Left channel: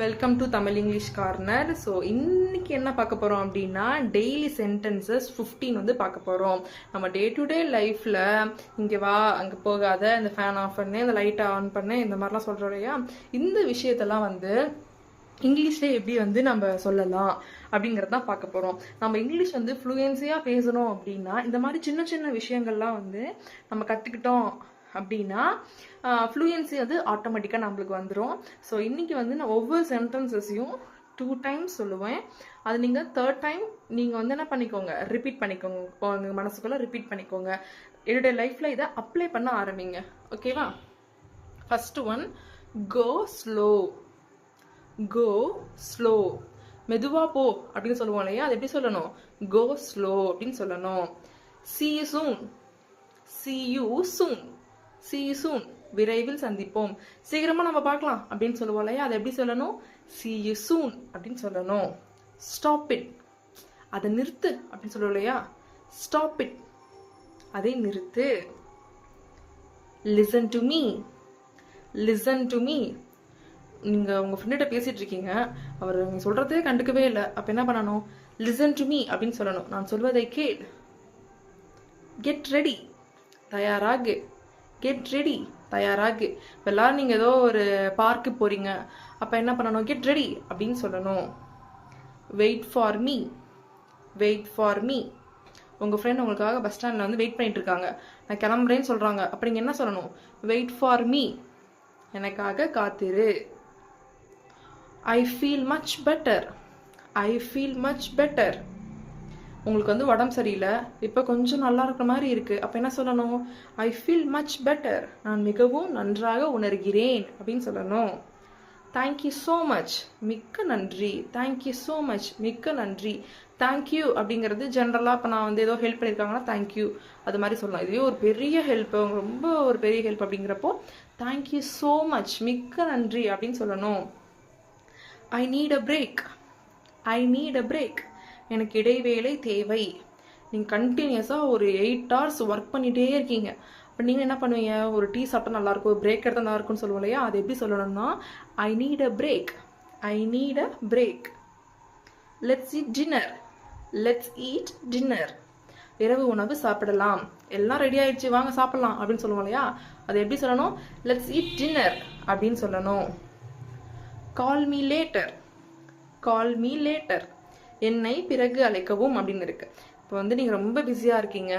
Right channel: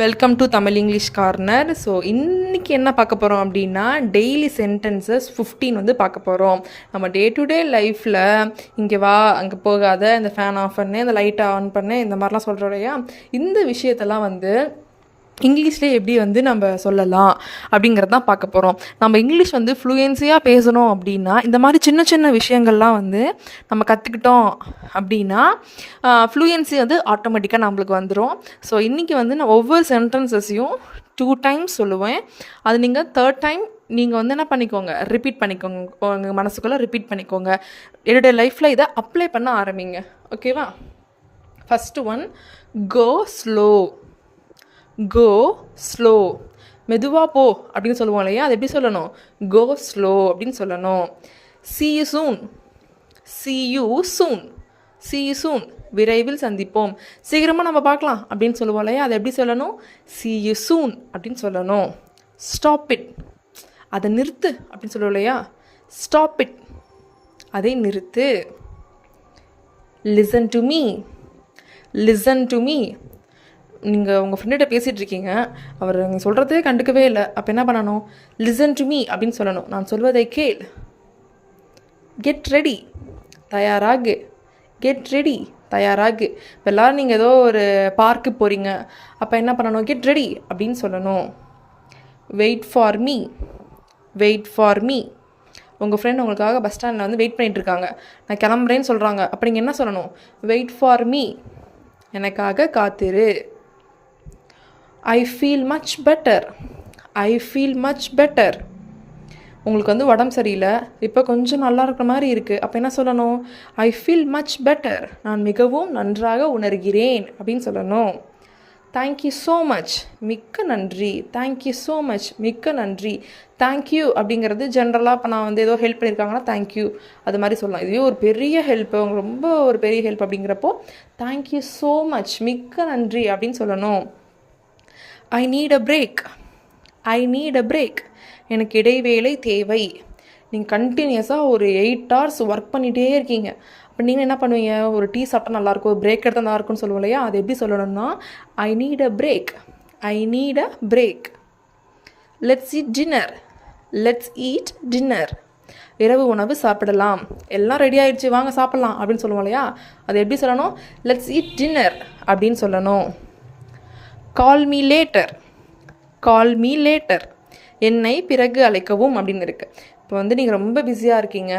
Welcome to Tamil English corner. So இன்றைக்கி என்ன பார்க்க போகிறோம் அப்படின்னா டெய்லி சென்டென்சஸ் 15 வந்து பார்க்க போகிறோம். நம்ம டே டு டே லைஃப்பில் இங்கே வா அங்கே போகாத, இந்த ஃபேன் ஆஃப் பண்ணு, இந்த லைட்டை ஆன் பண்ணு, இந்த மாதிரிலாம் சொல்கிறோம் இல்லையா. இந்த விஷயத்தெல்லாம் வந்து இங்கிலீஷ்லேயே எப்படி வந்து நம்ம சொல்லலாம் அப்படிங்கிறது தான் பார்க்க போகிறோம். நம்ம இங்கிலீஷ் வந்து ஃப்ளூயன்சியாக பேசணும் அப்படின்னா இந்த மாதிரி சின்ன சின்ன விஷயங்கள்லாம் வந்து நம்ம கற்றுக்கிட்டோம் அப்படின்னா ஃப்ளூயன்சி வந்து ஆட்டோமேட்டிக்காக நம்மளுக்கு வந்துடும். ஸோ இன்றைக்கி வந்து நான் ஒவ்வொரு சென்டென்சஸையும் 2 டைம்ஸ் சொல்லுவேன். அது நீங்கள் 3rd டைம் நீங்கள் வந்து என்ன பண்ணிக்கோங்க, ரிப்பீட் பண்ணிக்கோங்க, உங்கள் மனசுக்குள்ளே ரிப்பீட் பண்ணிக்கோங்க. என்னுடைய லைஃப்பில் இதை அப்ளை பண்ண ஆரம்பிங்க. ஓகேவா? First one, go slow. Go slow, மெதுவாக போ அப்படின்னு சொல்லுவோம் இல்லையா, அது எப்படி சொல்லணும்? கோ ஸ்லோ அப்படின்னு சொல்லணும். see you soon, see you soon, see you soon, விரைவில் சந்திப்போம், சீக்கிரமாக நம்ம பார்க்கலாம் அப்படின்னு சொல்லுவோம் இல்லையா, அதை எப்படி சொல்லணும்? see you soon அப்படின்னு சொல்லணும். stop it, அதை நிறுத்து அப்படின்னு சொல்லுவோம் இல்லையா, stop it, அதை நிறுத்து. listen to me, listen to me, நீங்கள் உங்கள் ஃப்ரெண்ட்கிட்ட பேசிகிட்டு இருக்கீங்க, அவர் நீங்கள் சொல்கிறதே கண்டுக்கவே இல்லை, அப்போ என்ன பண்ணணும்? லிசன் டு மீ அப்படின்னு சொல்லணும். நான் சொல்வதை கேள். கெட் ரெடி, தயாராகு. கெட் ரெடி, தயாராகு. இப்போ எல்லோரும் நீங்கள் ஏதோ ஒரு பார்க்கு போகிறீங்க, அப்போ என்ன பண்ணணும்? கெட் ரெடி அப்படின்னு சொல்லணும். Wait for me, wait for me. உங்கள் ஃப்ரெண்ட் உங்களுக்காக பஸ் ஸ்டாண்டில் வந்து வெயிட் பண்ணிகிட்ருக்காங்க, நான் கிளம்புறேன்னு சொல்கிறாங்க, அப்போ நீங்கள் என்ன சொல்லணும்? வெயிட் ஃபார் மீ, எனக்காக காத்திரு. I feel much better, I feel much better. உங்களுக்கு வந்து உடம்பு சரியில்லை, இப்போ கொஞ்சம் நல்லா இருக்கிற மாதிரி இருக்குது, அப்போ என்ன சொல்லணும்? ஐ ஃபீல் மச் பெட்டர், நான் மிகவும் நன்றாக உணர்கிறேன் அப்படின்னு சொல்லணும். தேங்க்யூ ஸோ மச், மிக்க நன்றி. தேங்க்யூ ஸோ மச், மிக்க நன்றி. தேங்க்யூ அப்படிங்கிறது ஜென்ரலாக இப்போ நான் வந்து ஏதோ ஹெல்ப் பண்ணியிருக்காங்கன்னா தேங்க்யூ அது மாதிரி சொல்லலாம். இதுவே ஒரு பெரிய ஹெல்ப், ரொம்ப ஒரு பெரிய ஹெல்ப் அப்படிங்கிறப்போ தேங்க்யூ ஸோ மச், மிக்க நன்றி அப்படின்னு சொல்லணும். I need a break, I need a break, எனக்கு இடைவேளை தேவை. நீங்கள் கண்டினியூஸாக ஒரு 8 hours ஒர்க் பண்ணிகிட்டே இருக்கீங்க, அப்போ நீங்கள் என்ன பண்ணுவீங்க? ஒரு டீ சாப்பிட்டா நல்லாயிருக்கும், பிரேக் எடுத்தால் நல்லாயிருக்கும்னு சொல்லுவோம் இல்லையா, அது எப்படி சொல்லணும்னா I need a break, I need a break. Let's eat dinner, let's eat dinner, இரவு உணவு சாப்பிடலாம், எல்லாம் ரெடி ஆகிடுச்சு வாங்க சாப்பிட்லாம் அப்படின்னு சொல்லுவோம் இல்லையா, அது எப்படி சொல்லணும்? லெட்ஸ் ஈட் டின்னர் அப்படின்னு சொல்லணும். Call me later, call me later, என்னை பிறகு அழைக்கவும் அப்படின்னு இருக்குது. இப்போ வந்து நீங்கள் ரொம்ப பிஸியாக இருக்கீங்க,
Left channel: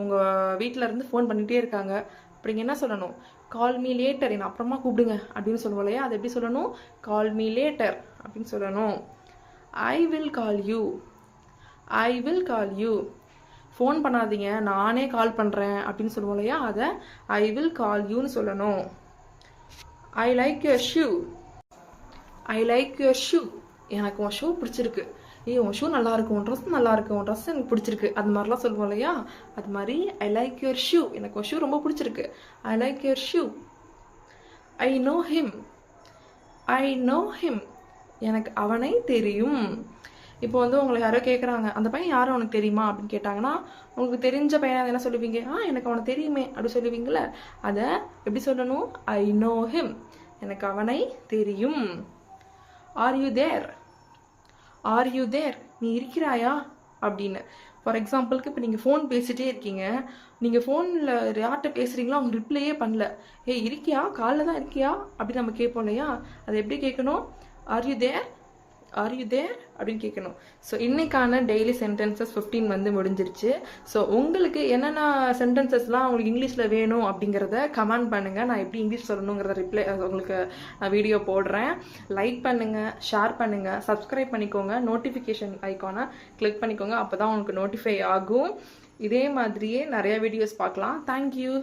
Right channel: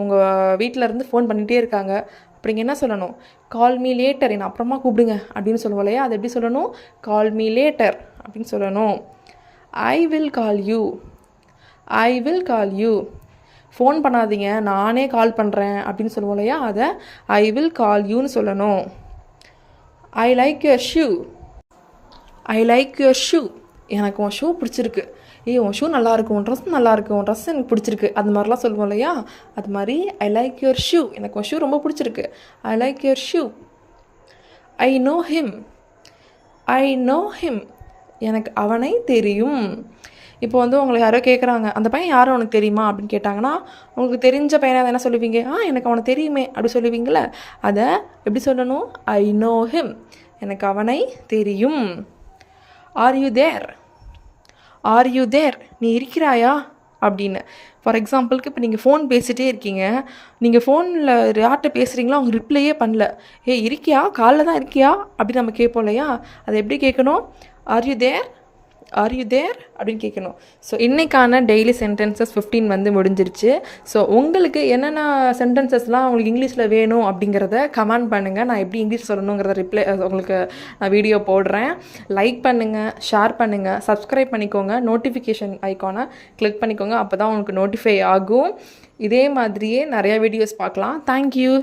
உங்கள் வீட்டில் இருந்து ஃபோன் பண்ணிகிட்டே இருக்காங்க, அப்படிங்க என்ன சொல்லணும்? கால் மீ லேட்டர், என்னை அப்புறமா கூப்பிடுங்க அப்படின்னு சொல்லுவோம் இல்லையா, அது எப்படி சொல்லணும்? கால் மீ லேட்டர் அப்படின்னு சொல்லணும். I will call you, I will call you, phone பண்ணாதீங்க நானே கால் பண்ணுறேன் அப்படின்னு சொல்லுவோம் இல்லையா, அதை ஐ வில் கால் யூன்னு சொல்லணும். I like your shoe, I like your shoe, எனக்கு உன் ஷூ பிடிச்சிருக்கு, உன் ஷூ நல்லாயிருக்கு, உன் ட்ரெஸ் நல்லாயிருக்கு, உன் ட்ரெஸ் எனக்கு பிடிச்சிருக்கு, அது மாதிரிலாம் சொல்லுவோம் இல்லையா, அது மாதிரி ஐ லைக் யுவர் ஷூ, எனக்கு உன் ஷூ ரொம்ப பிடிச்சிருக்கு, I like your shoe. I know him, I know him, எனக்கு அவனை தெரியும். இப்போ வந்து உங்களை யாரோ கேட்குறாங்க, அந்த பையன் யாரும் உனக்கு தெரியுமா அப்படின்னு கேட்டாங்கன்னா, உங்களுக்கு தெரிஞ்ச பையனை என்ன சொல்லுவீங்க? எனக்கு அவனை தெரியுமே அப்படி சொல்லுவீங்களே, அதை எப்படி சொல்லணும்? ஐ நோ ஹிம், எனக்கு அவனை தெரியும். Are you there, are you there, நீ இருக்கிறாயா அப்படின்னு. ஃபார் எக்ஸாம்பிளுக்கு இப்போ நீங்கள் ஃபோன் பேசிகிட்டே இருக்கீங்க, நீங்கள் ஃபோனில் யார்கிட்ட பேசுகிறீங்களோ அவங்க ரிப்ளையே பண்ணல, இருக்கியா, காலில் தான் இருக்கியா அப்படின்னு நம்ம கேட்போம் இல்லையா, அதை எப்படி கேட்கணும்? Are you there, are you there அப்படின்னு கேட்கணும். ஸோ இன்றைக்கான டெய்லி சென்டென்சஸ் 15 வந்து முடிஞ்சிருச்சு. ஸோ உங்களுக்கு என்னென்ன சென்டென்சஸ்லாம் உங்களுக்கு இங்கிலீஷில் வேணும் அப்படிங்கிறத கமெண்ட் பண்ணுங்கள். நான் எப்படி இங்கிலீஷ் சொல்லணுங்கிறத உங்களுக்கு நான் வீடியோ போடுறேன். லைக் பண்ணுங்கள், ஷேர் பண்ணுங்கள், சப்ஸ்கிரைப் பண்ணிக்கோங்க, நோட்டிஃபிகேஷன் ஐக்கானை கிளிக் பண்ணிக்கோங்க, அப்போ தான் உங்களுக்கு நோட்டிஃபை ஆகும். இதே மாதிரியே நிறையா வீடியோஸ் பார்க்கலாம். தேங்க்யூ.